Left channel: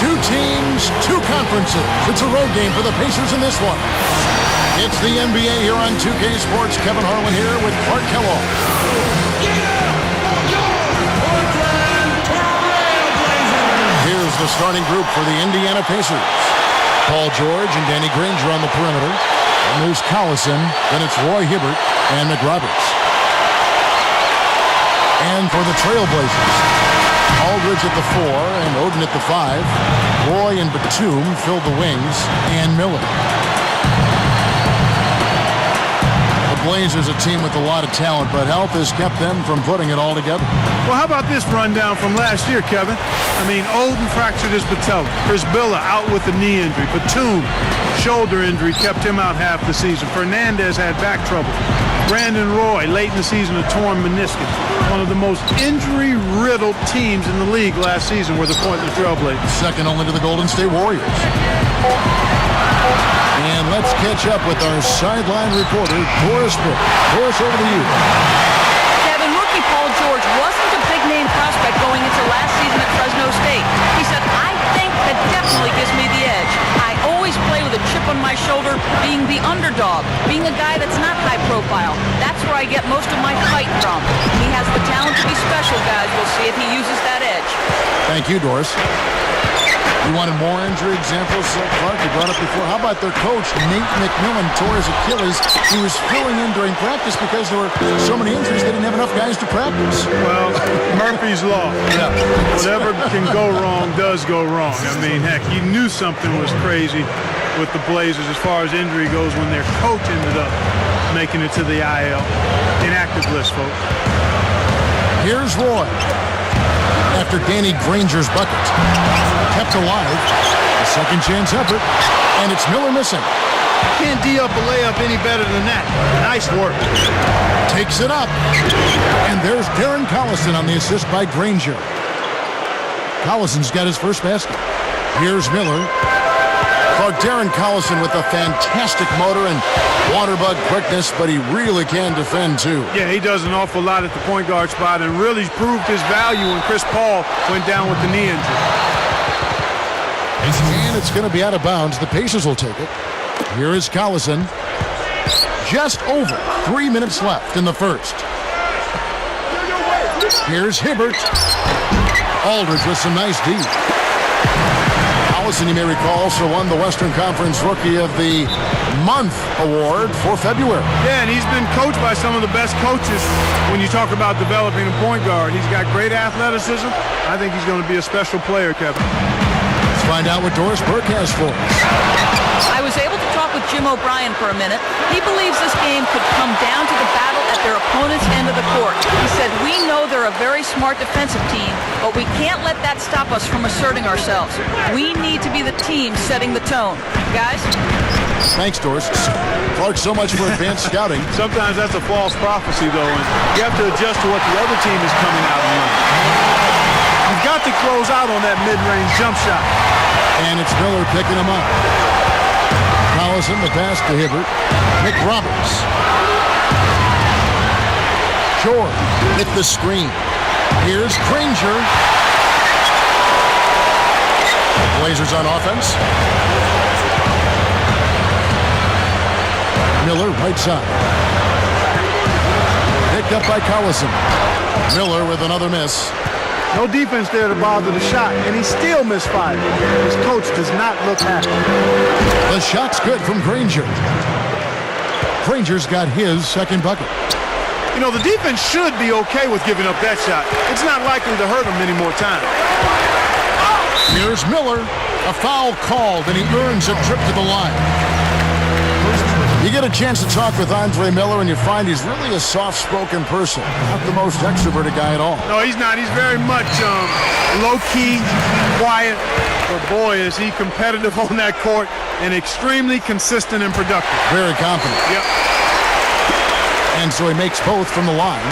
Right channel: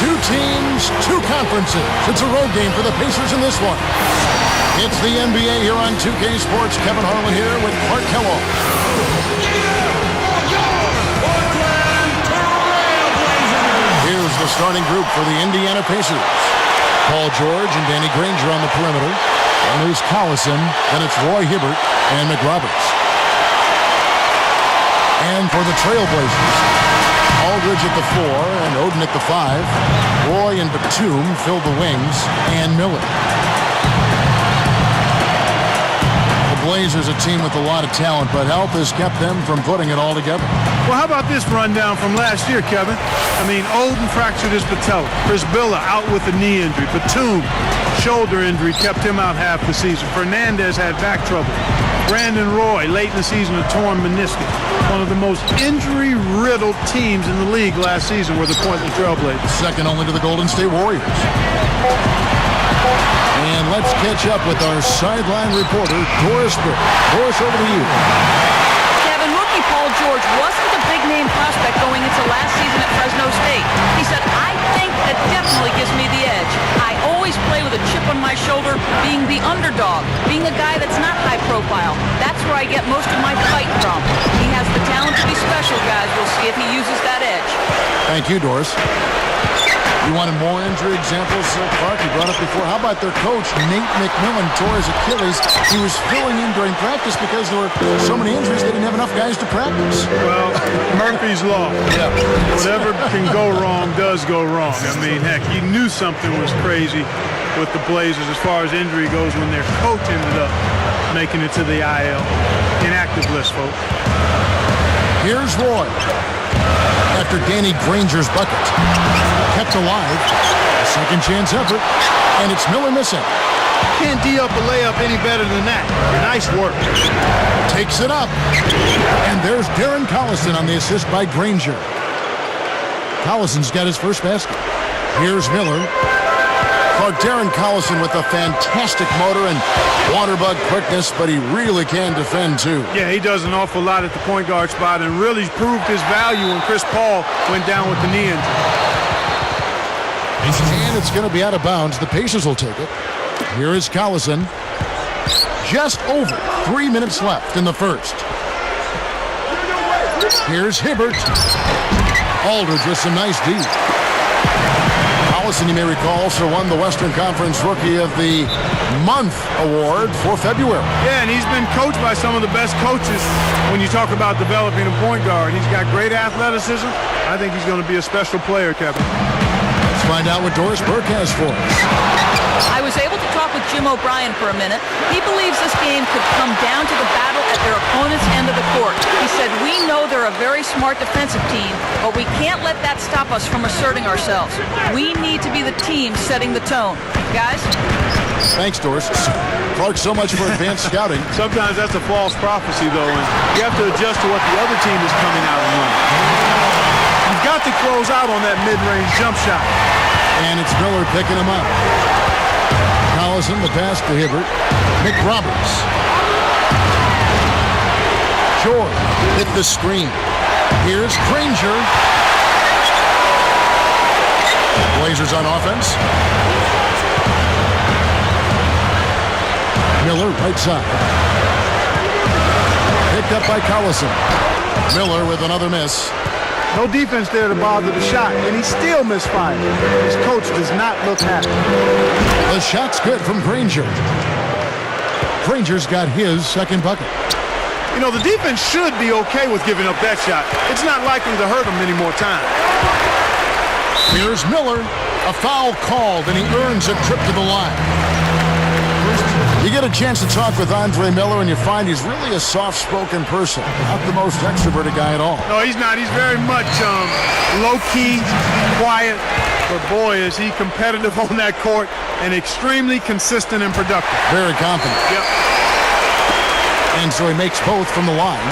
Two teams, two conferences. It's a road game for the Pacers in this one. It's the NBA here on 2K Sports. Kevin Harlan here with Clark Kellogg. Here's the starting group for the Indiana Pacers. Paul George and Danny Granger on the perimeter. And there's Collison. Then it's Roy Hibbert and McRoberts. And for the Trailblazers, Aldridge at the 4 and Oden at the 5. Roy and Batum filled the wings, and Miller. The Blazers, a team with a lot of talent, but health has kept them from putting it all together. Well, how about this rundown from last year, Kevin? I mean, Oden fractured his patella. Chris Billa out with a knee injury. Batum, shoulder injury, kept him out half the season. Fernandez had back trouble. Brandon Roy, late in the season, a torn meniscus. One of the most injury-riddled teams in the league last season were the Portland Trailblazers. Second only to the Golden State Warriors. And let's catch up with our sideline reporter, Doris Burke. Doris, over to you. Kevin, rookie Paul George wasn't a big-name prospect going into last season at Fresno State. He said, I think that definitely gives me the edge. I always play with a chip on my shoulder, being the underdog, being a guy that's not high profile. That's where I get most of my fight from. He has the talent to be special, guys. We'll see if he uses that edge. Thank you, Doris. You wanted more injury examples, Clark? You brought up before. How about their coach, Nate McMillan, tore his Achilles. He was filling in during practice because there were so many injuries they didn't have enough guys to practice. Well, Murphy's Law. Yeah. Whatever can go wrong does go wrong. I mean, heck, you knew something was crazy with the Blazers as far as injury goes when their coach ended up making it to the IL. Inactive list, folks. Here's Roy. After Danny Granger's bucket. Kept alive. A second chance effort. And it's Miller missing. You can't D up a layup any better than that. Nice work. Takes it up. And there's Darren Collison on the assist by Granger. Collison's got his first basket. Here's Miller. Clark, Darren Collison with a fantastic motor and water bug quickness, but he really can defend too. Yeah, he does an awful lot at the point guard spot and really proved his value when Chris Paul went down with the knee injury. And it's going to be out of bounds. The Pacers will take it. Here is Collison. Just over 3 minutes left in the first. Here's Hibbert. Aldridge with some nice D. Collison, you may recall, also won the Western Conference Rookie of the Month award for February. Yeah, and he's been coached by some of the best coaches when you talk about developing a point guard. He's got great athleticism. I think he's going to be a special player, Kevin. Let's find out what Doris Burke has for us. I was able to talk with Jim O'Brien for a minute. He believes this game could come down to the battle at their opponent's end of the court. He said, we know they're a very smart defensive team, but we can't let that stop us from asserting ourselves. We need to be the team setting the tone. Guys? Thanks, Doris. Clark, so much for advanced scouting. Sometimes that's a false prophecy, though, and you have to adjust to what the other team is coming out and running. You've got to close out on that mid-range jump shot. And it's Miller picking him up. Collison, the pass to Hibbert. McRoberts. George with the screen. Here's Granger. The Blazers on offense. Miller, right side. Picked up by Collison. Miller with another miss. No defense there to bother the shot, and he still misfired. His coach does not look happy. The shot's good from Granger. Granger's got his second bucket. You know, the defense should be okay with giving up that shot. It's not likely to hurt him any more time. Here's Miller. A foul called, and he earns a trip to the line. You get a chance to talk with Andre Miller, and you find he's really a soft-spoken person. Not the most extroverted guy at all. No, he's not. He's very much low-key, quiet. But, boy, is he competitive on that court and extremely consistent and productive. Very confident. Yep. And so he makes both from the line.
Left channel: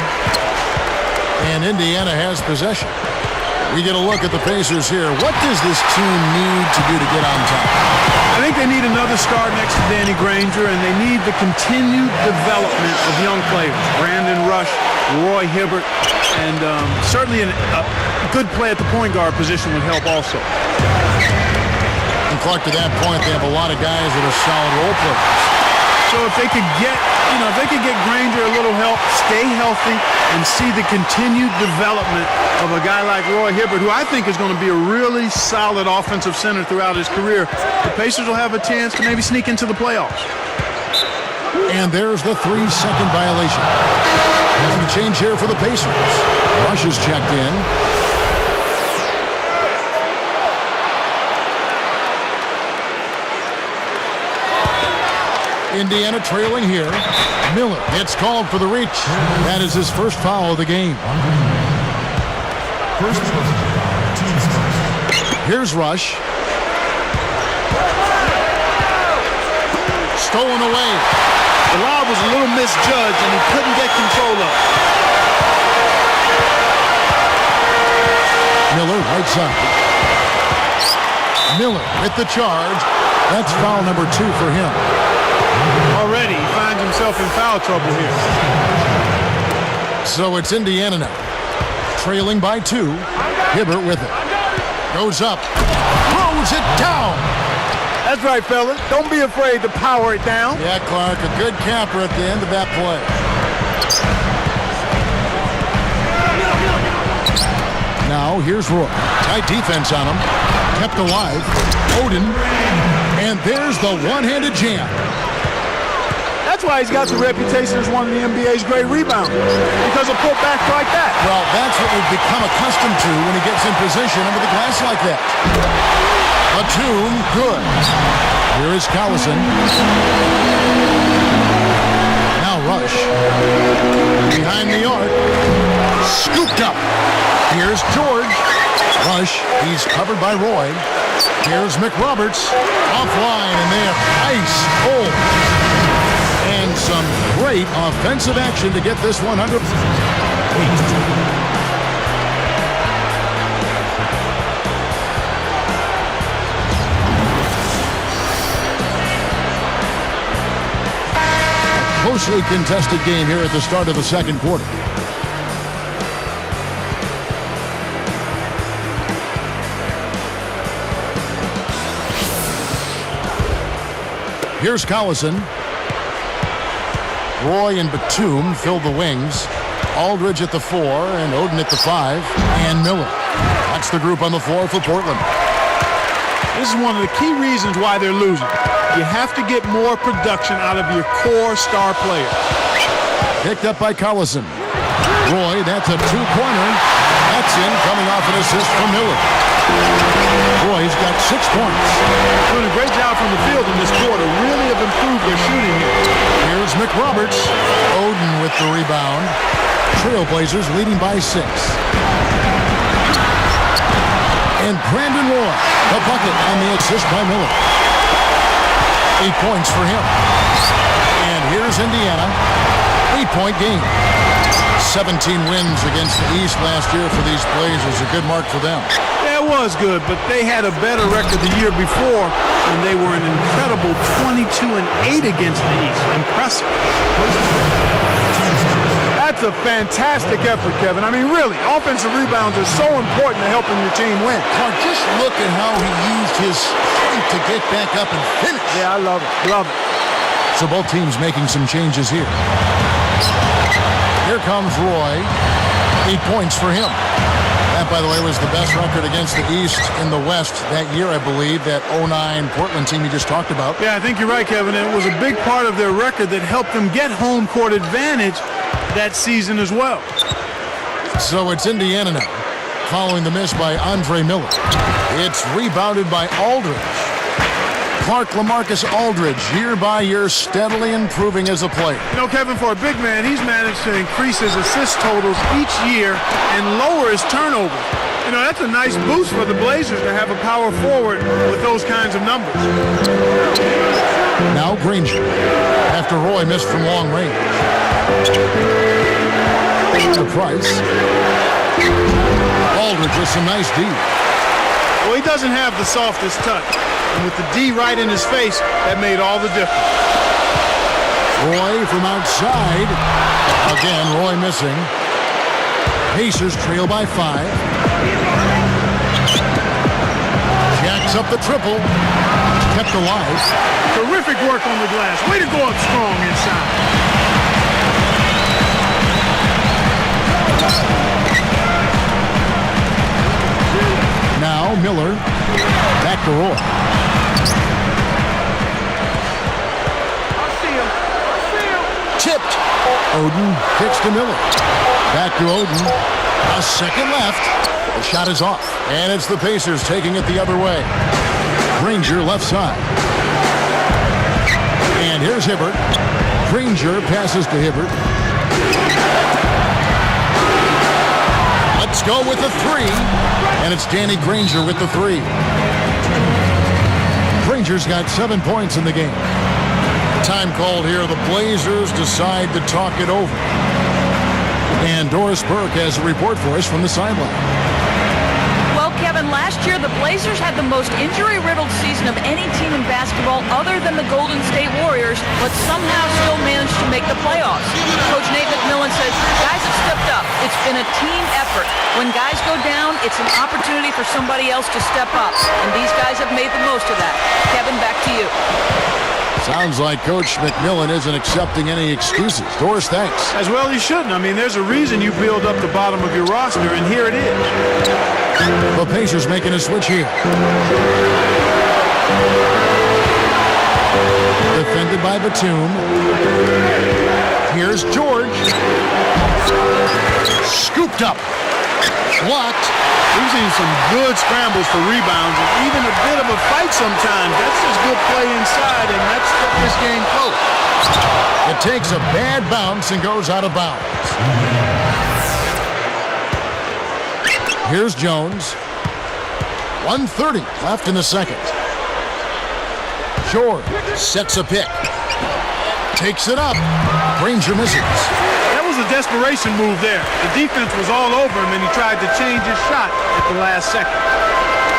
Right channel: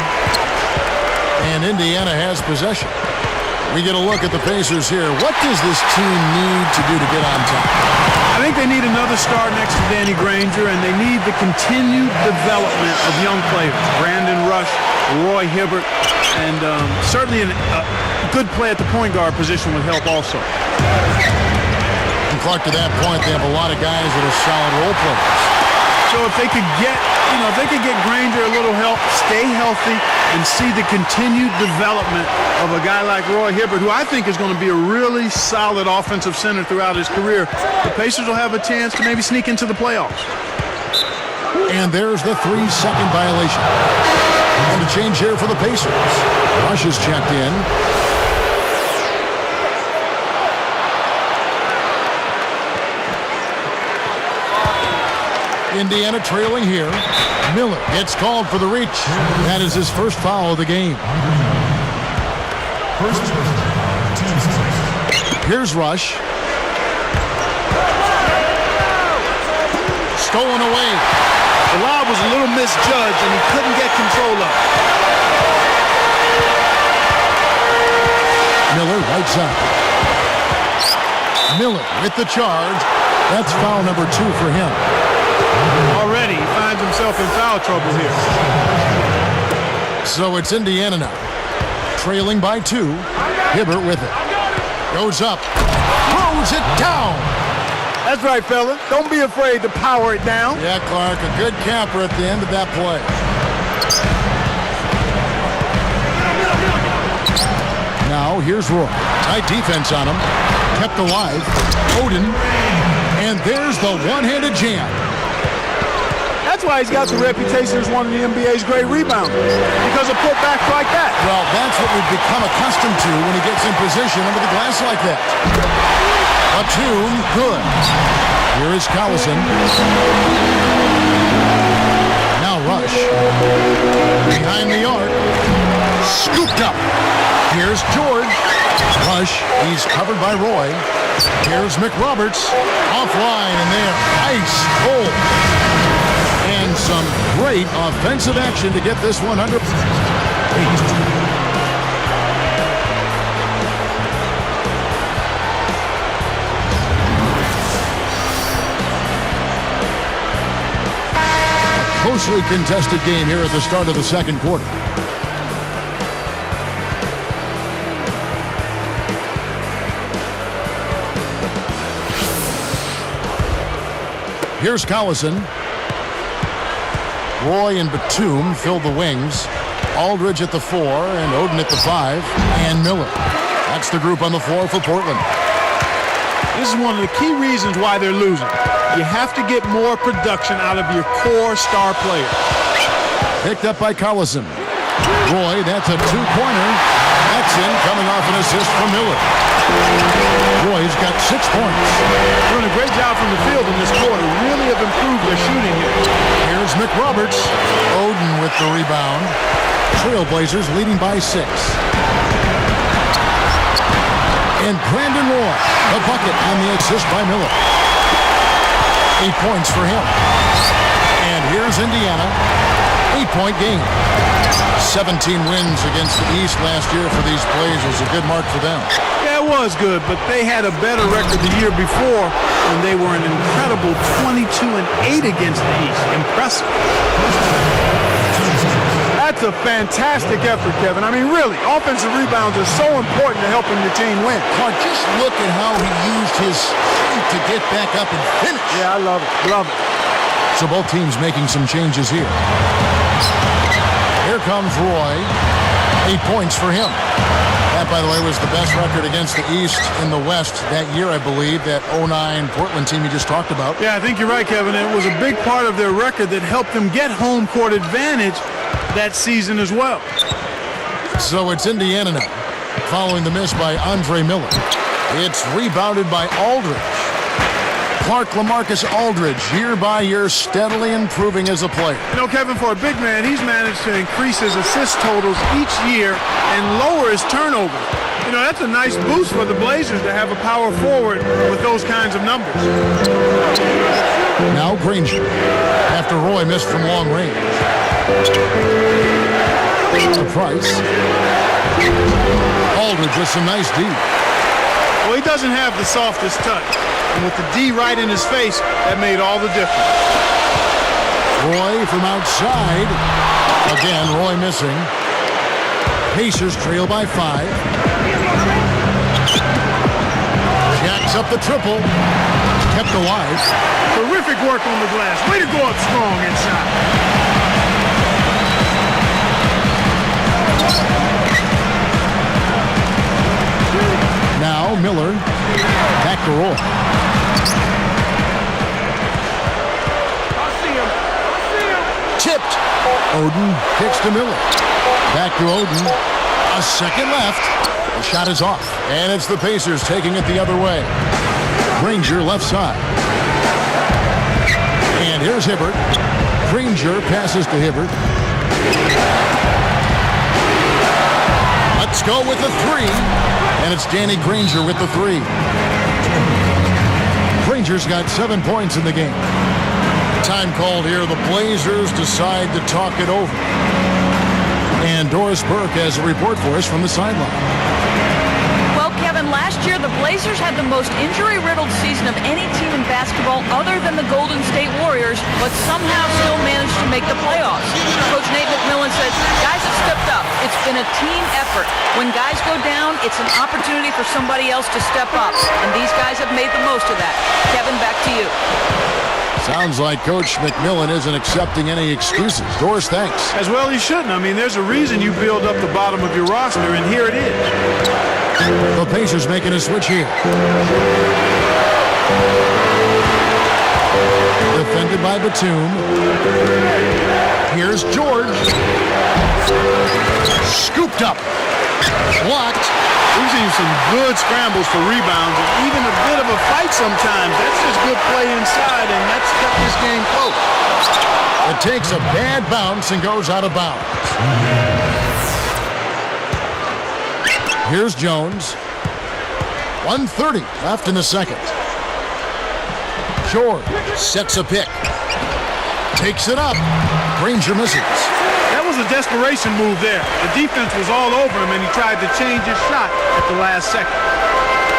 And Indiana has possession. We get a look at the Pacers here. What does this team need to do to get on top? I think they need another star next to Danny Granger, and they need the continued development of young players. Brandon Rush, Roy Hibbert, and certainly a good play at the point guard position would help also. And Clark, to that point, they have a lot of guys that are solid role players. So if they could get, if they could get Granger a little help, stay healthy, and see the continued development of a guy like Roy Hibbert, who I think is going to be a really solid offensive center throughout his career, the Pacers will have a chance to maybe sneak into the playoffs. And there's the 3-second violation. And a change here for the Pacers. Rush is checked in. Indiana trailing here. Miller gets called for the reach. That is his first foul of the game. Here's Rush. Stolen away. The lob was a little misjudged, and he couldn't get control of it. Miller, right side. Miller with the charge. That's foul number 2 for him. Already, he finds himself in foul trouble here. So it's Indiana now. Trailing by 2. Hibbert with it. Goes up. Throws it down. That's right, fella. Don't be afraid to power it down. Yeah, Clark, a good capper at the end of that play. Now, here's Roy. Tight defense on him. Kept alive. Oden. And there's the one-handed jam. That's why he's got the reputation as one of the NBA's great rebounders, because of putbacks like that. Well, that's what we've become accustomed to when he gets in position under the glass like that. Batum, good. Here is Collison. Now Rush. Behind the arc. Scooped up. Here's George. Rush, he's covered by Roy. Here's McRoberts. Offline, and they're ice cold. And some great offensive action to get this one under. A closely contested game here at the start of the second quarter. Here's Collison. Roy and Batum fill the wings. Aldridge at the 4 and Oden at the 5. And Miller. That's the group on the floor for Portland. This is one of the key reasons why they're losing. You have to get more production out of your core star player. Picked up by Collison. Roy, that's a 2-pointer. That's in, coming off an assist from Miller. Roy's got 6 points. Doing a great job from the field in this quarter. Really have improved their shooting here. Here's McRoberts. Oden with the rebound. Trailblazers leading by 6. And Brandon Roy, the bucket on the assist by Miller. 8 points for him. And here's Indiana. 8-point game. 17 wins against the East last year for these Blazers. A good mark for them. Yeah, it was good, but they had a better record the year before when they were an incredible 22-8 against the East. Impressive. That's a fantastic effort, Kevin. I mean, really, offensive rebounds are so important to helping your team win. Clark, just look at how he used his strength to get back up and finish. Yeah, I love it. Love it. So both teams making some changes here. Here comes Roy. 8 points for him. That, by the way, was the best record against the East in the West that year, I believe, that 09 Portland team you just talked about. Yeah, I think you're right, Kevin. It was a big part of their record that helped them get home court advantage that season as well. So it's Indiana now, following the miss by Andre Miller. It's rebounded by Aldridge. Clark LaMarcus Aldridge, year by year, steadily improving as a player. You know, Kevin, for a big man, he's managed to increase his assist totals each year and lower his turnovers. You know, that's a nice boost for the Blazers to have a power forward with those kinds of numbers. Now Granger, after Roy missed from long range. To Price. Aldridge with some nice D. Well, he doesn't have the softest touch. And with the D right in his face, that made all the difference. Roy from outside. Again, Roy missing. Pacers trail by 5. Jacks up the triple. kept alive. Terrific work on the glass. Way to go up strong inside. Now Miller, back to Roy. I see him. Tipped. Oden kicks to Miller. Back to Oden. A second left. The shot is off. And it's the Pacers taking it the other way. Granger left side. And here's Hibbert. Granger passes to Hibbert. Let's go with the three. And it's Danny Granger with the three. Granger's got 7 points in the game. Time called here. The Blazers decide to talk it over. And Doris Burke has a report for us from the sideline. Well, Kevin, last year the Blazers had the most injury-riddled season of any team in basketball other than the Golden State Warriors, but somehow still managed to make the playoffs. Coach Nate McMillan said, guys have stepped up. It's been a team effort. When guys go down, it's an opportunity for somebody else to step up, and these guys have made the most of that. Kevin, back to you. Sounds like Coach McMillan isn't accepting any excuses. Doris, thanks. As well he shouldn't. I mean, there's a reason you build up the bottom of your roster, and here it is. The Pacers making a switch here. Defended by Batum. Here's George. Scooped up. Blocked. We've seen some good scrambles for rebounds and even a bit of a fight sometimes. That's just good play inside, and that's kept this game close. It takes a bad bounce and goes out of bounds. Here's Jones. 1:30 left in the second. George sets a pick. Takes it up. Granger misses. That was a desperation move there. The defense was all over him, and he tried to change his shot at the last second.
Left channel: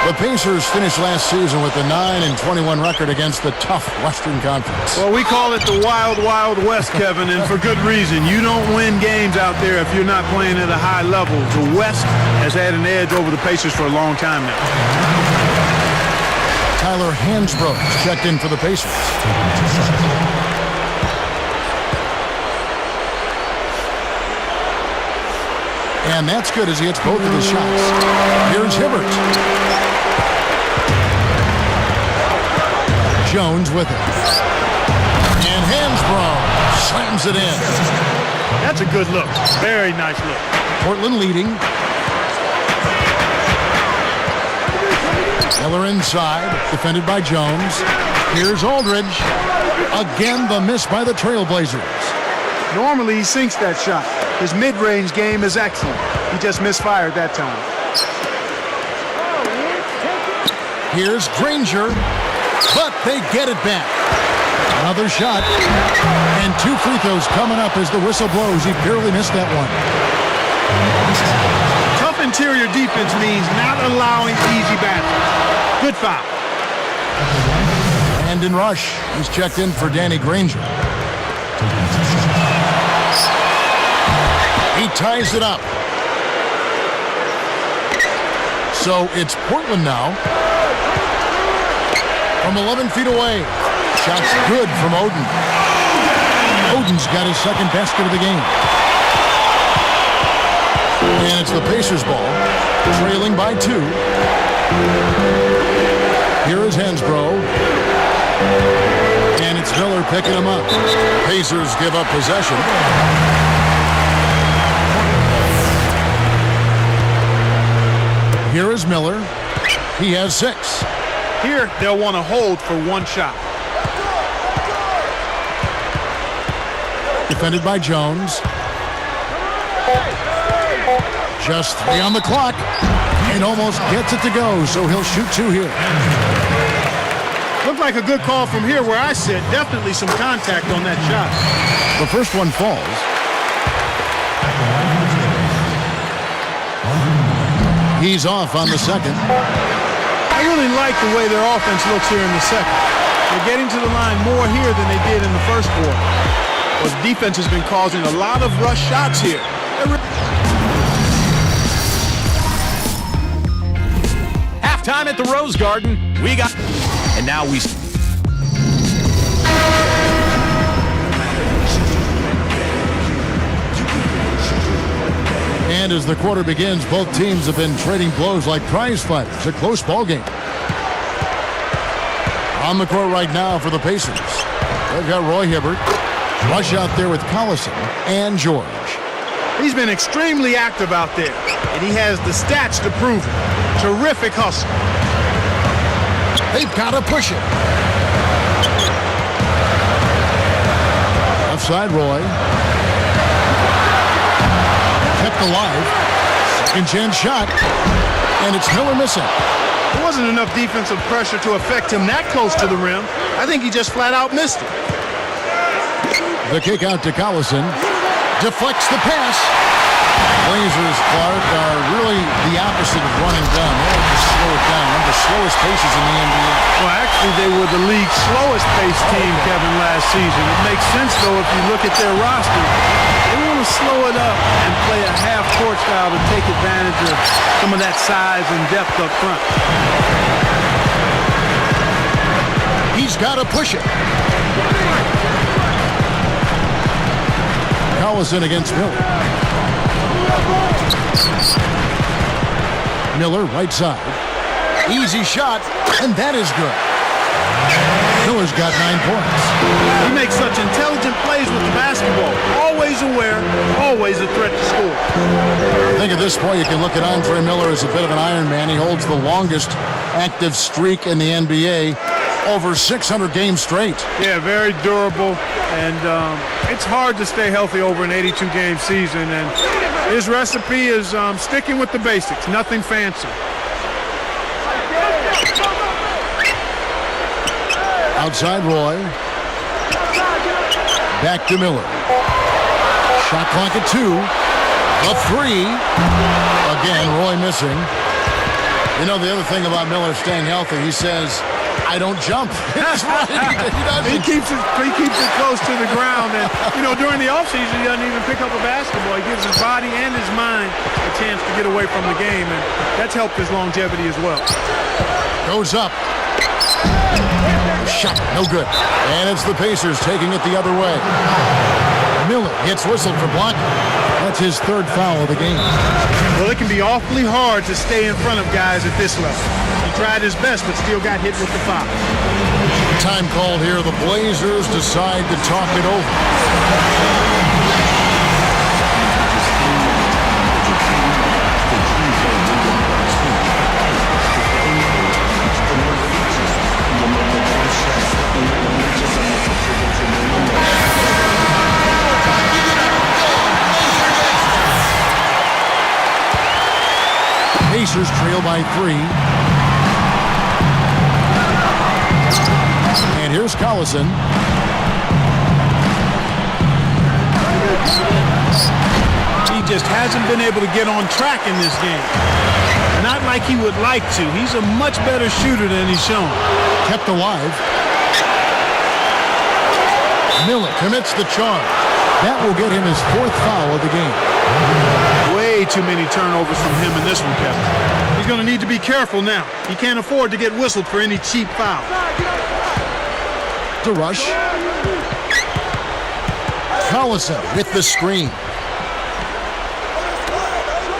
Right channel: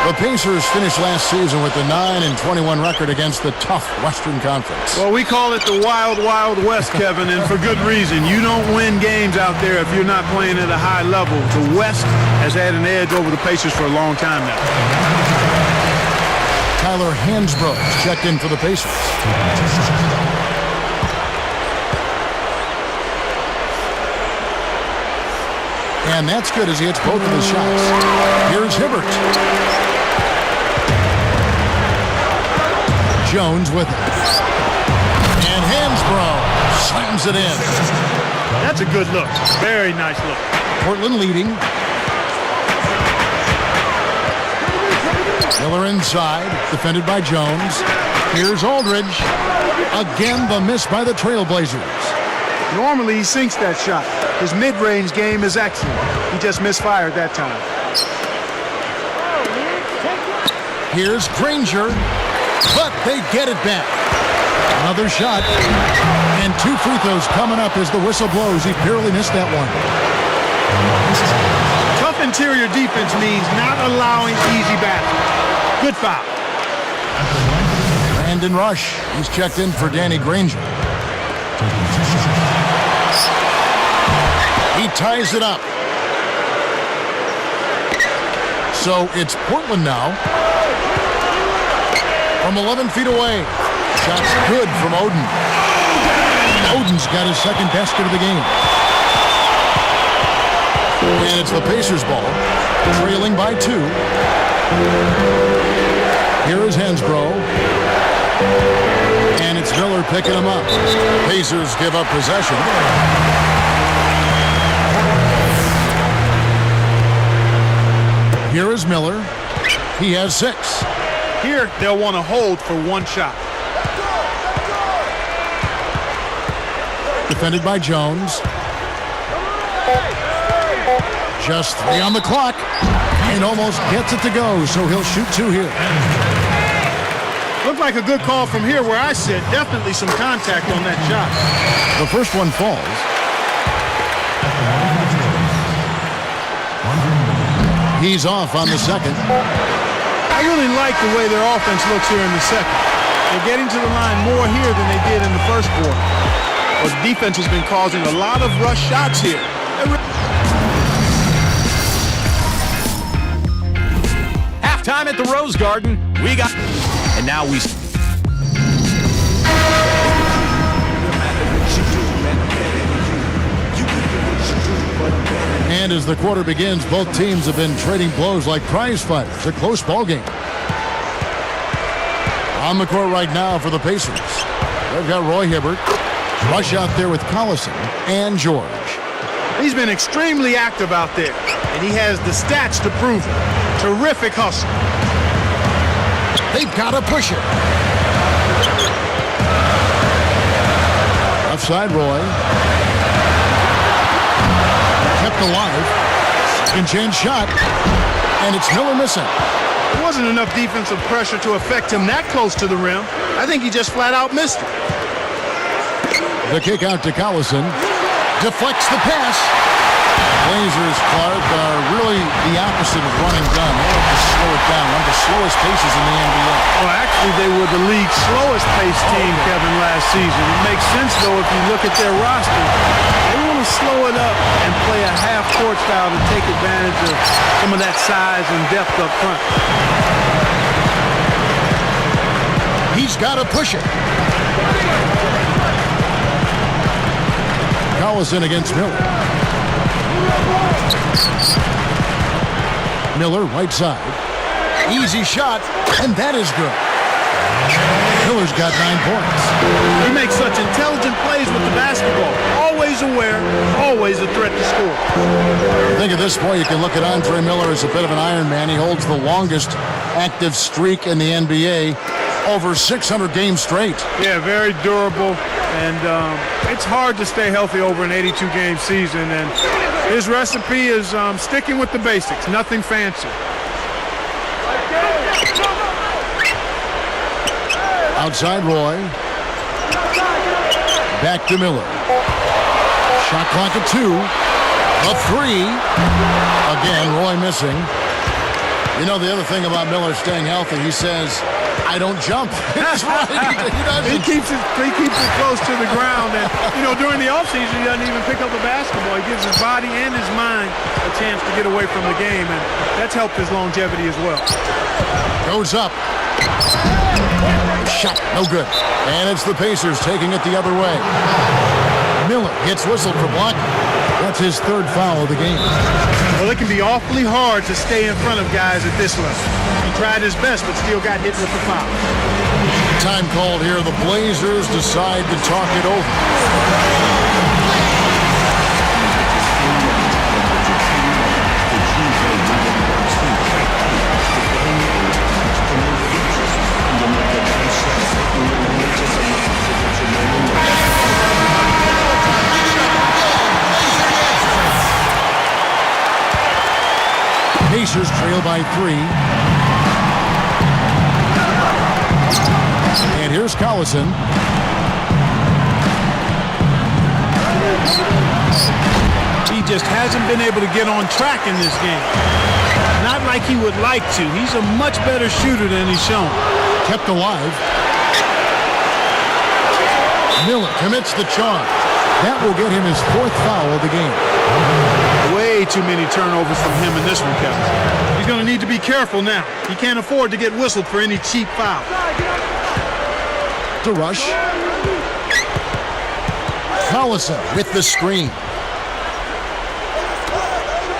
The Pacers finished last season with a 9-21 record against the tough Western Conference. Well, we call it the Wild, Wild West, Kevin, and for good reason. You don't win games out there if you're not playing at a high level. The West has had an edge over the Pacers for a long time now. Tyler Hansbrough checked in for the Pacers. And that's good as he hits both of his shots. Here's Hibbert. Jones with it. And Hansbrough slams it in. That's a good look. Very nice look. Portland leading. Miller inside, defended by Jones. Here's Aldridge. Again, the miss by the Trailblazers. Normally, he sinks that shot. His mid-range game is excellent. He just misfired that time. Here's Granger, but they get it back. Another shot, and 2 free throws coming up as the whistle blows. He barely missed that one. Tough interior defense means not allowing easy baskets. Good foul. Brandon Rush, he's checked in for Danny Granger. He ties it up. So it's Portland now. From 11 feet away. Shot's good from Oden. Oden's got his second basket of the game. And it's the Pacers ball, trailing by 2. Here is Hansbrough. And it's Miller picking him up. Pacers give up possession. Here is Miller. He has 6. Here, they'll want to hold for 1 shot. Defended by Jones. Just 3 on the clock. And almost gets it to go, so he'll shoot 2 here. Looked like a good call from here where I sit. Definitely some contact on that shot. The first one falls. He's off on the second. I really like the way their offense looks here in the second. They're getting to the line more here than they did in the first quarter. Well, the defense has been causing a lot of rush shots here. Halftime at the Rose Garden. And now we And as the quarter begins, both teams have been trading blows like prize fighters. A close ball game. On the court right now for the Pacers, they've got Roy Hibbert. Rush out there with Collison and George. He's been extremely active out there, and he has the stats to prove it. Terrific hustle. They've got to push it. Left side, Roy. Kept alive. Second chance shot. And it's Miller missing. There wasn't enough defensive pressure to affect him that close to the rim. I think he just flat out missed it. The kick out to Collison. Deflects the pass. Blazers, Clark, are really the opposite of running gun. They like to slow it down. One of the slowest paces in the NBA. Well, actually, they were the league's slowest paced team, okay. Kevin, last season. It makes sense, though, if you look at their roster. They want to slow it up and play a half-court style to take advantage of some of that size and depth up front. He's got to push it. Collison against Miller. Miller, right side. Easy shot, and that is good. Miller's got 9 points. He makes such intelligent plays with the basketball. Always aware, always a threat to score. I think at this point you can look at Andre Miller as a bit of an Iron Man. He holds the longest active streak in the NBA, over 600 games straight. Yeah, very durable, and it's hard to stay healthy over an 82-game season, and his recipe is sticking with the basics, nothing fancy. Outside Roy. Back to Miller. Shot clock at 2. A 3. Again, Roy missing. You know, the other thing about Miller staying healthy, he says, I don't jump. That's right. He doesn't. He keeps it close to the ground. And, you know, during the offseason, he doesn't even pick up a basketball. He gives his body and his mind a chance to get away from the game. And that's helped his longevity as well. Goes up. The shot, no good. And it's the Pacers taking it the other way. Miller gets whistled for blocking. That's his 3rd foul of the game. Well, it can be awfully hard to stay in front of guys at this level. He tried his best, but still got hit with the foul. Time called here. The Blazers decide to talk it over. Pacers trail by 3. And here's Collison. He just hasn't been able to get on track in this game. Not like he would like to. He's a much better shooter than he's shown. Kept alive. Miller commits the charge. That will get him his 4th foul of the game. Way too many turnovers from him in this one, Kevin. He's going to need to be careful now. He can't afford to get whistled for any cheap foul. To rush. Collison with the screen.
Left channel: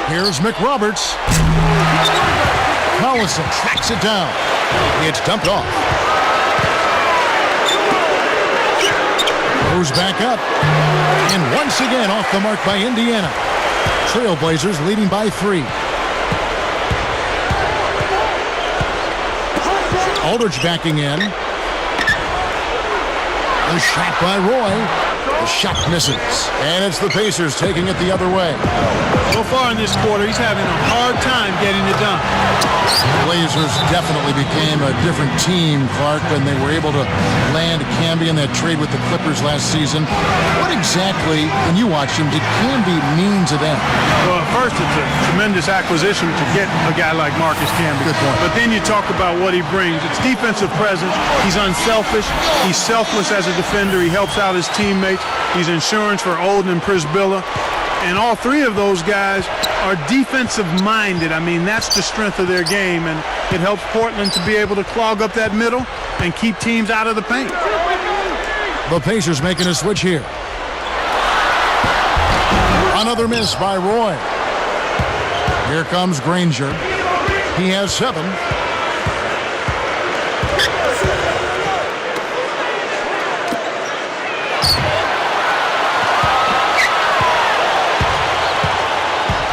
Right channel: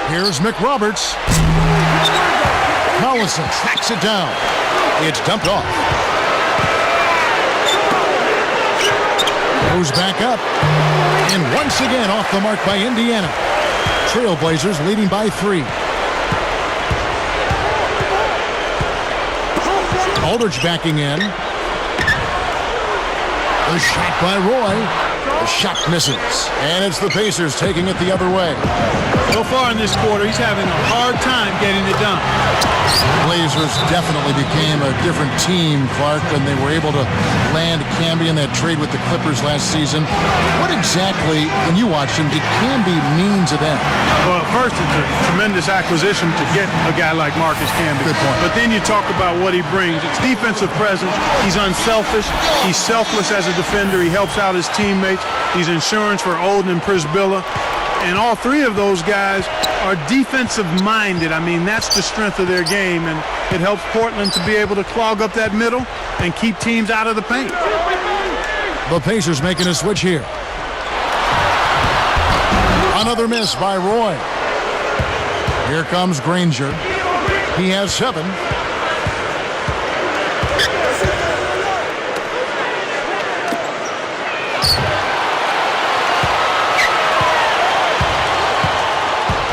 Here's McRoberts. Collison tracks it down. It's dumped off. Goes back up. And once again off the mark by Indiana. Trailblazers leading by 3. Aldridge backing in. The shot by Roy. The shot misses. And it's the Pacers taking it the other way. So far in this quarter, he's having a hard time getting it done. Blazers definitely became a different team, Clark, when they were able to land Camby in that trade with the Clippers last season. What exactly, when you watched him, did Camby mean to them? Well, first, it's a tremendous acquisition to get a guy like Marcus Camby. Good point. But then you talk about what he brings. It's defensive presence. He's unselfish. He's selfless as a defender. He helps out his teammates. He's insurance for Olden and Prisbilla. And all 3 of those guys are defensive-minded. I mean, that's the strength of their game, and it helps Portland to be able to clog up that middle and keep teams out of the paint. The Pacers making a switch here. Another miss by Roy. Here comes Granger. He has 7.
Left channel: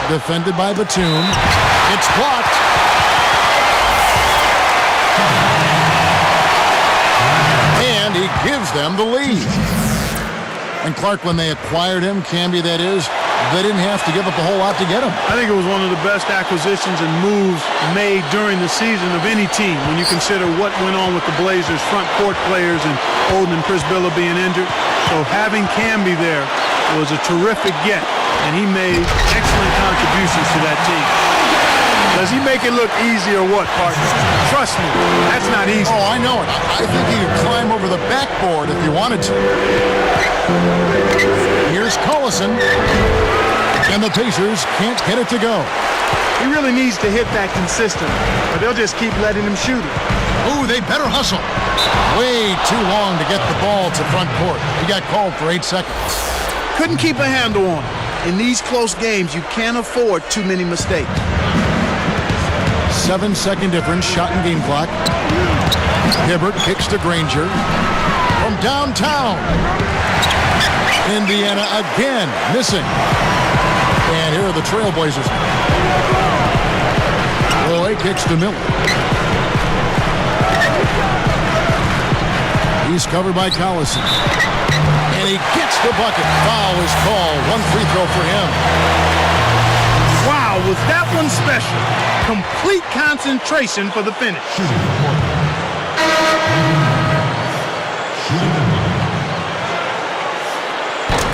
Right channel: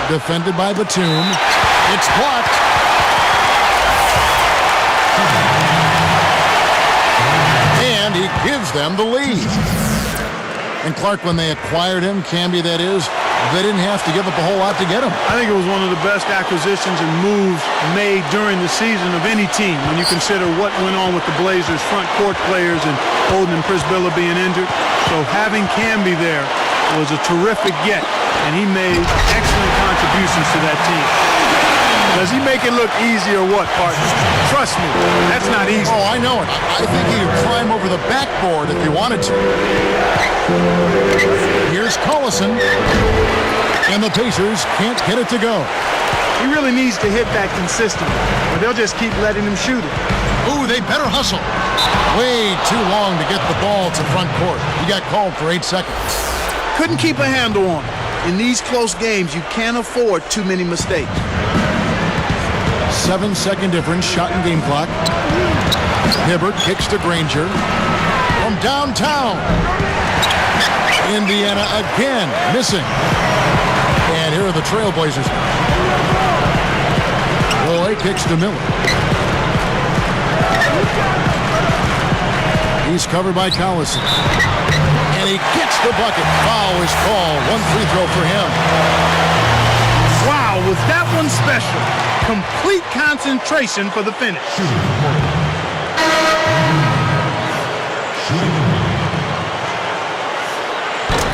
Defended by Batum. It's blocked. And he gives them the lead. And Clark, when they acquired him, Camby that is, they didn't have to give up a whole lot to get him. I think it was one of the best acquisitions and moves made during the season of any team when you consider what went on with the Blazers' front court players and Olden and Prisbilla being injured. So having Camby there was a terrific get, and he made excellent contributions to that team. Does he make it look easy or what, partner? Trust me, that's not easy. Oh, I know it. I think he could climb over the backboard if he wanted to. Here's Collison. And the Pacers can't get it to go. He really needs to hit that consistently, or they'll just keep letting him shoot it. Ooh, they better hustle. Way too long to get the ball to front court. He got called for 8 seconds. Couldn't keep a handle on it. In these close games, you can't afford too many mistakes. 7-second difference, shot in game clock. Hibbert kicks to Granger. From downtown. Indiana again missing. And here are the Trailblazers now. Roy kicks to Miller. He's covered by Collison. And he gets the bucket. Foul is called. 1 free throw for him. Wow, was that one special? Complete concentration for the finish.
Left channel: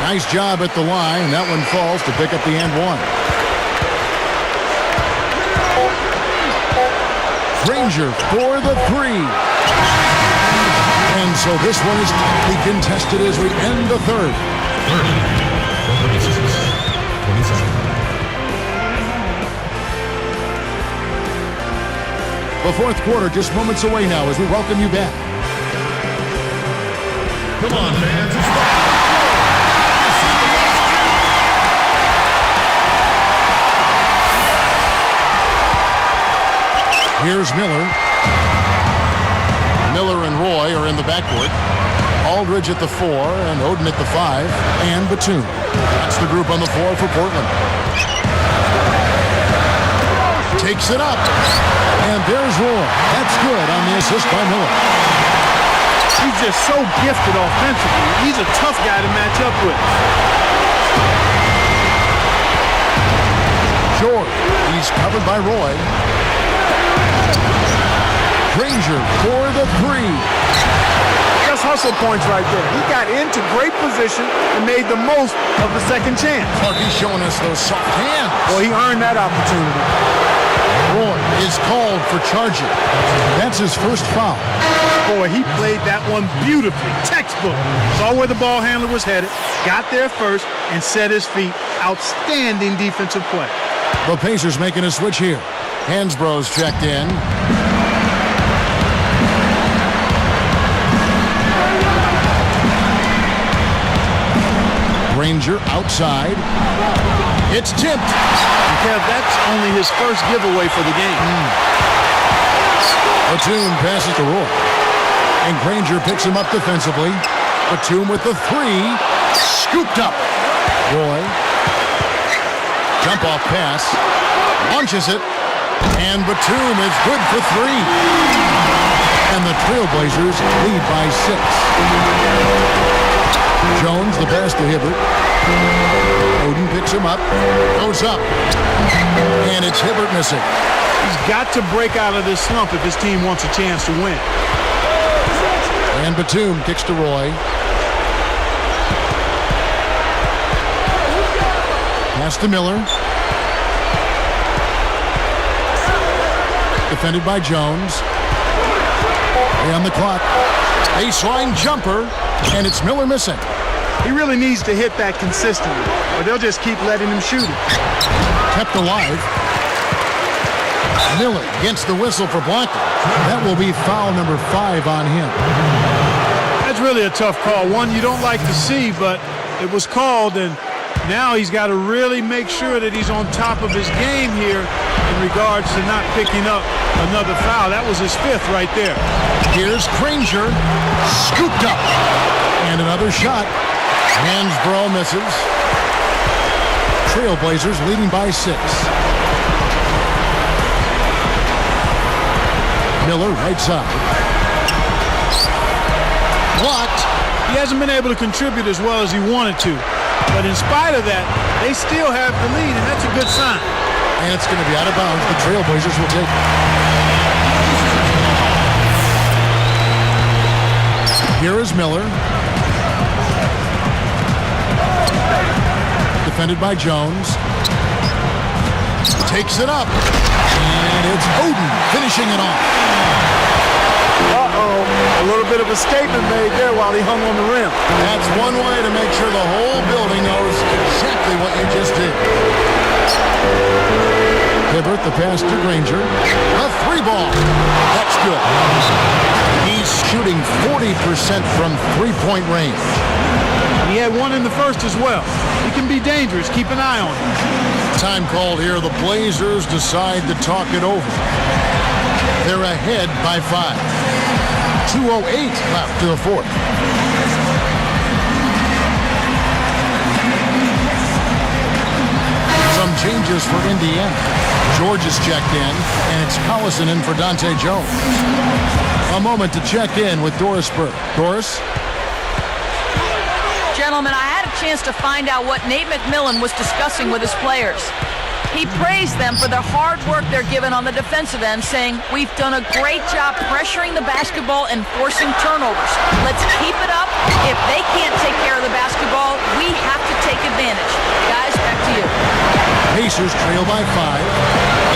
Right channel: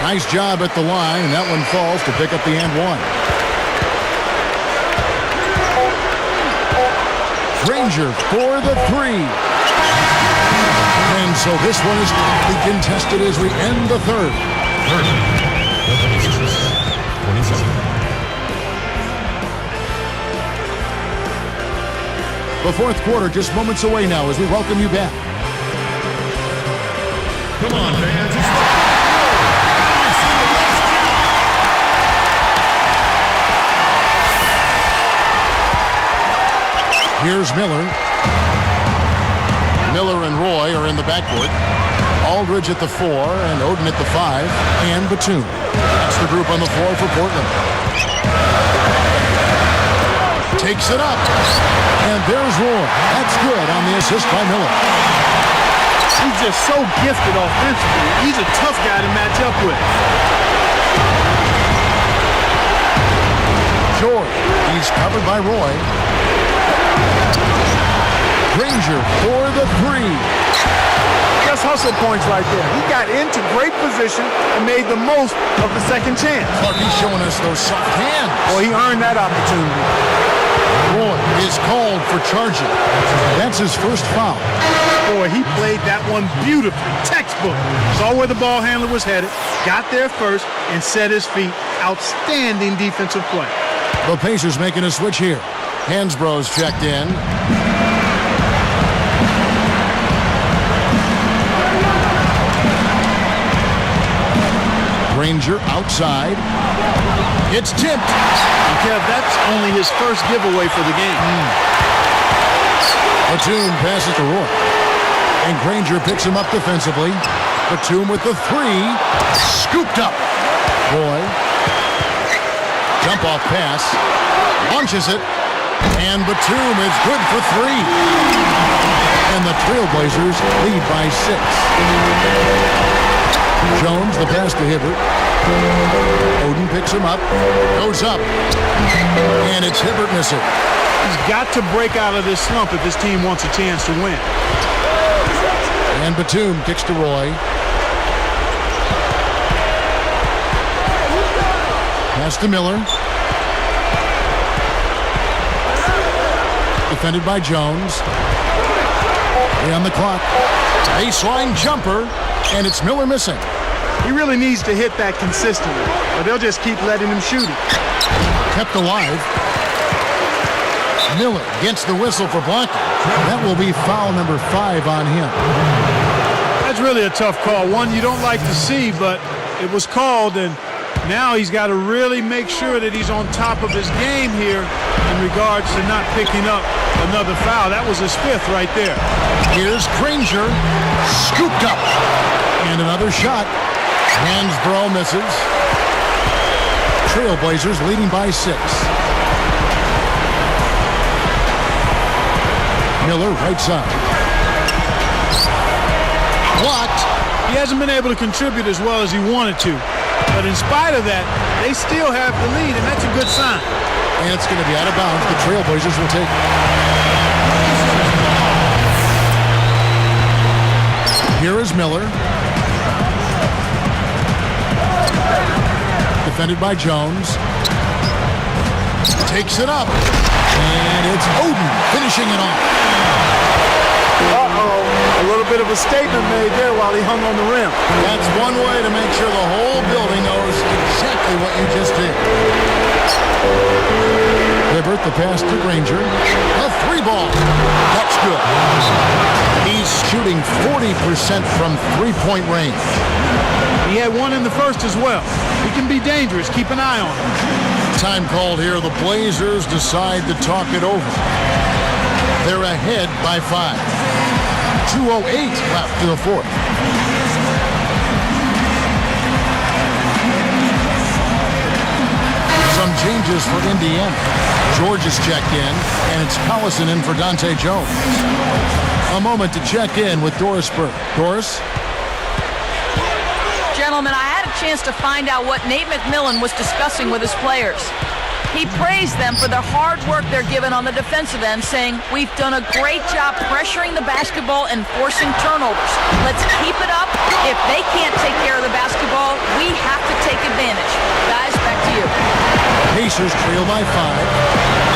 Nice job at the line, and that one falls to pick up the and 1. Granger for the 3. And so this one is tightly contested as we end the third. The fourth quarter just moments away now as we welcome you back. Come on, fans. Here's Miller. Miller and Roy are in the backcourt. Aldridge at the 4 and Oden at the 5 and Batum. That's the group on the floor for Portland. Takes it up. And there's Roy. That's good on the assist by Miller. He's just so gifted offensively. He's a tough guy to match up with. George. He's covered by Roy. Granger for the 3. Just hustle points right there. He got into great position and made the most of the second chance. Clark, he's showing us those soft hands. Well, he earned that opportunity. Roy is called for charging. That's his first foul. Boy, he played that one beautifully. Textbook. Saw where the ball handler was headed, got there first, and set his feet. Outstanding defensive play. The Pacers making a switch here. Hansbrough's checked in. Granger outside. It's tipped. And Kev, that's only his first giveaway for the game. Batum passes to Roy. And Granger picks him up defensively. Batum with the 3. Scooped up. Roy. Jump off pass. Launches it. And Batum is good for 3. And the Trailblazers lead by 6. Jones, the pass to Hibbert. Oden picks him up. Goes up. And it's Hibbert missing. He's got to break out of this slump if his team wants a chance to win. And Batum kicks to Roy. Pass to Miller. Defended by Jones. 3 on the clock. Baseline jumper. And it's Miller missing. He really needs to hit that consistently, or they'll just keep letting him shoot it. Kept alive. Miller gets the whistle for blocking. That will be foul number 5 on him. That's really a tough call. One you don't like to see, but it was called, and Now he's got to really make sure that he's on top of his game here in regards to not picking up another foul. That was his 5th right there. Here's Granger, scooped up. And another shot. Hansbrough misses. Trailblazers leading by 6. Miller, right side. Blocked. He hasn't been able to contribute as well as he wanted to. But in spite of that, they still have the lead, and that's a good sign. And it's going to be out of bounds. The Trailblazers will take it. Here is Miller. Defended by Jones. Takes it up. And it's Oden finishing it off. A little bit of a statement made there while he hung on the rim. That's one way to make sure the whole building knows exactly what you just did. Hibbert, the pass to Granger. A 3-ball. That's good. He's shooting 40% from three-point range. And he had one in the first as well. He can be dangerous. Keep an eye on him. Time called here. The Blazers decide to talk it over. They're ahead by 5. 2:08 left to the 4th. Some changes for Indiana. George is checked in, and it's Collison in for Dante Jones. A moment to check in with Doris Burke. Doris? Gentlemen, I had a chance to find out what Nate McMillan was discussing with his players. He praised them for the hard work they're given on the defensive end, saying, "We've done a great job pressuring the basketball and forcing turnovers. Let's keep it up. If they can't take care of the basketball, we have to take advantage." Guys, back to you. Pacers trail by 5.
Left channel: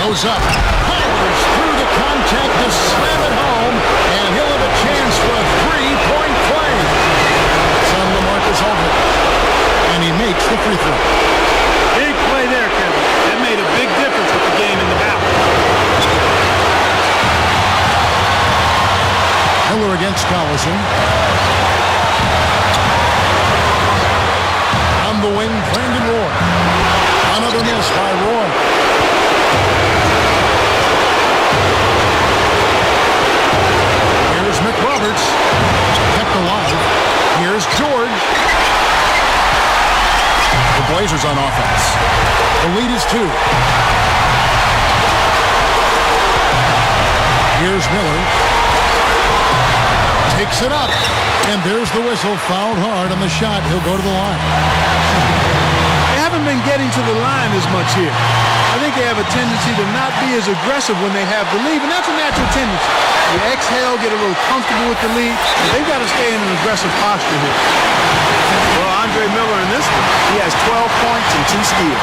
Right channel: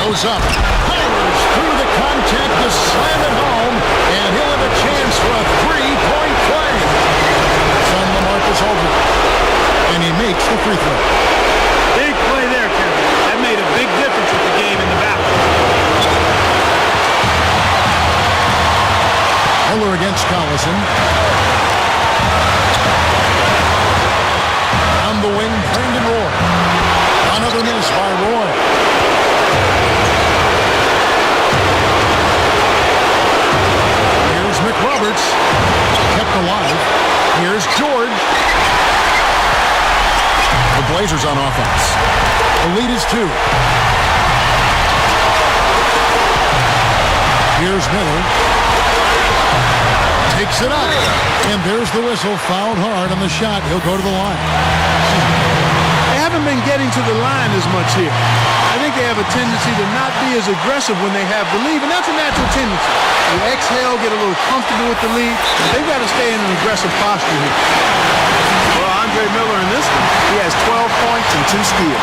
Goes up. Powers through the contact to slam it home, and he'll have a chance for a 3-point play. It's on LaMarcus Aldridge, and he makes the free throw. Big play there, Kevin. That made a big difference with the game in the balance. Miller against Collison. On the wing, Brandon Roy. Another miss by Roy. Here's McRoberts. Kept alive. Here's George. The Blazers on offense. The lead is 2. Here's Miller. Takes it up. And there's the whistle. Fouled hard on the shot. He'll go to the line. They haven't been getting to the line as much here. I think they have a tendency to not be as aggressive when they have the lead, and that's a natural tendency. You exhale, get a little comfortable with the lead, but they've got to stay in an aggressive posture here. Well, Andre Miller in this one, he has 12 points and 2 steals.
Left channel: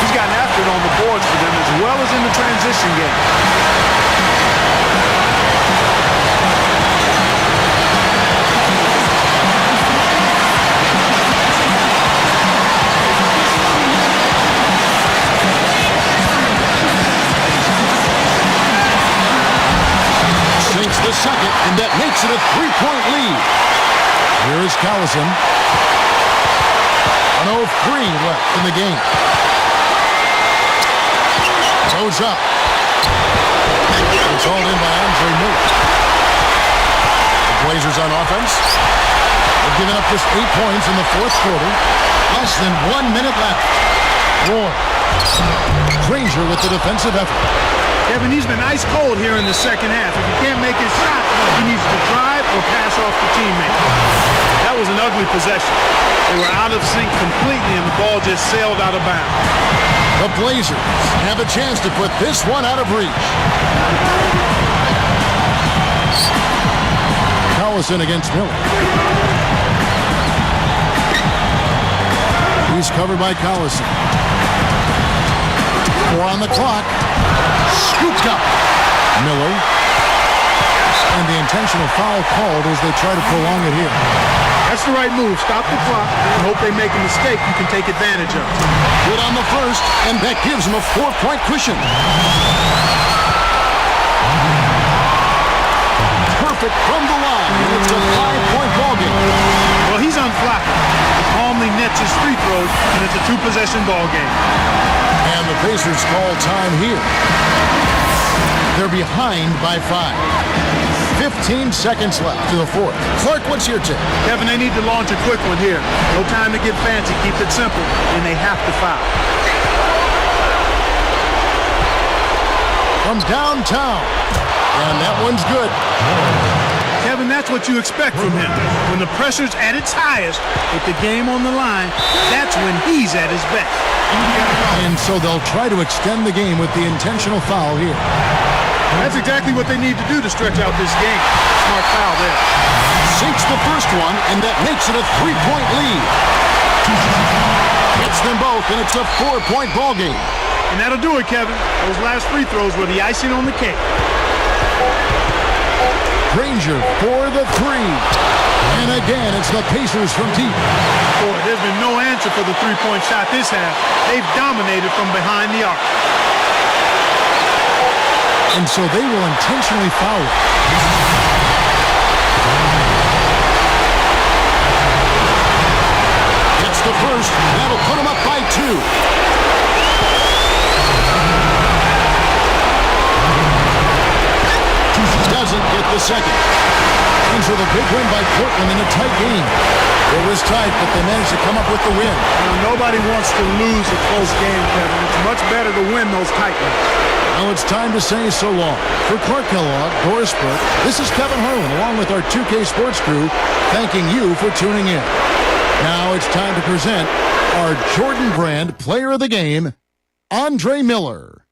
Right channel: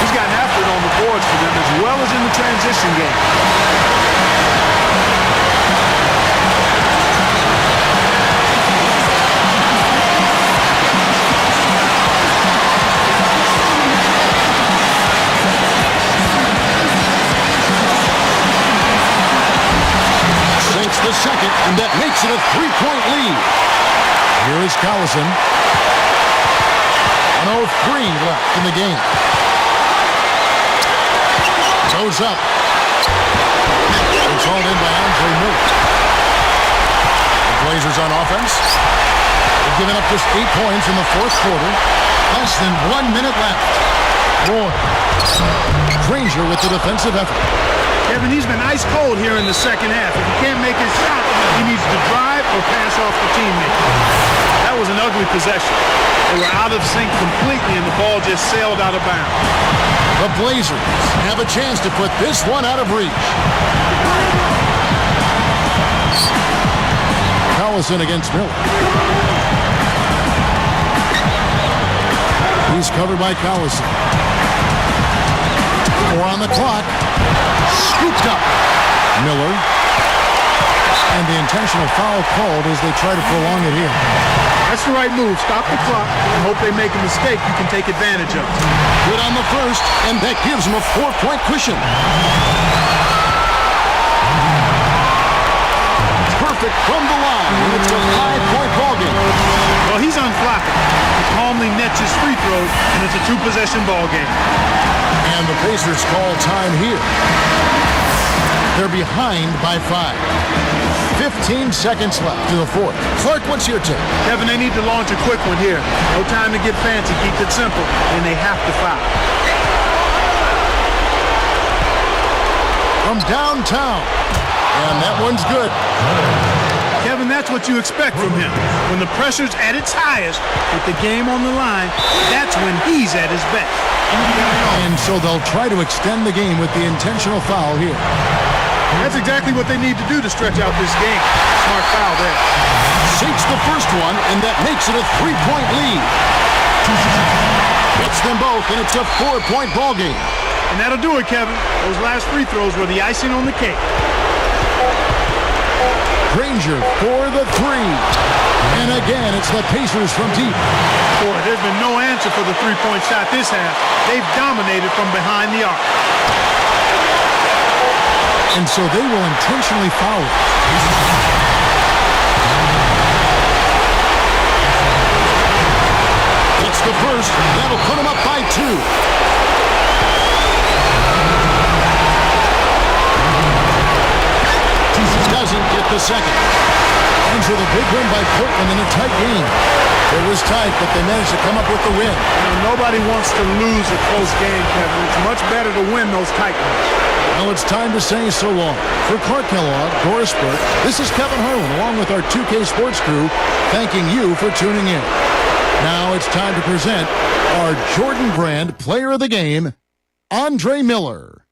He's gotten after it on the boards for them as well as in the transition game. Sinks the second, and that makes it a 3-point lead. Here is Collison. 1:03 left in the game. Goes up. It's hauled in by Andre Miller. The Blazers on offense. They've given up just 8 points in the 4th quarter. Less than 1 minute left. Roy. Granger with the defensive effort. Kevin, he's been ice cold here in the second half. If he can't make his shot, he needs to drive or pass off the teammate. That was an ugly possession. They were out of sync completely, and the ball just sailed out of bounds. The Blazers have a chance to put this one out of reach. Collison against Miller. He's covered by Collison. 4 on the clock. Scooped up. Miller. And the intentional foul called as they try to prolong it here. That's the right move. Stop the clock and hope they make a mistake you can take advantage of. Good on the first, and that gives them a 4-point cushion. Perfect from the line, and it's a 5-point ball game. Well, he's unflappable. He calmly nets his free throws, and it's a two-possession ball game. And the Pacers call time here. They're behind by 5. 15 seconds left to the fourth. Clark, what's your take? Kevin, they need to launch a quick one here. No time to get fancy. Keep it simple, and they have to foul. From downtown. And that one's good. Kevin, that's what you expect from him. When the pressure's at its highest, with the game on the line, that's when he's at his best. And so they'll try to extend the game with the intentional foul here. That's exactly what they need to do to stretch out this game. Smart foul there. Sinks the first one, and that makes it a 3-point lead. Hits them both, and it's a 4-point ball game. And that'll do it, Kevin. Those last free throws were the icing on the cake. Granger for the three. And again, it's the Pacers from deep. Boy, there's been no answer for the three-point shot this half. They've dominated from behind the arc. And so they will intentionally foul it. It's the first. That'll put them up by 2. Doesn't get the second. And so the big win by Portland in a tight game. It was tight, but they managed to come up with the win. You know, nobody wants to lose a close game, Kevin. It's much better to win those tight ones. Well, it's time to say so long. For Clark Kellogg, Doris Burke, this is Kevin Harlan, along with our 2K Sports crew, thanking you for tuning in. Now it's time to present our Jordan Brand Player of the Game, Andre Miller.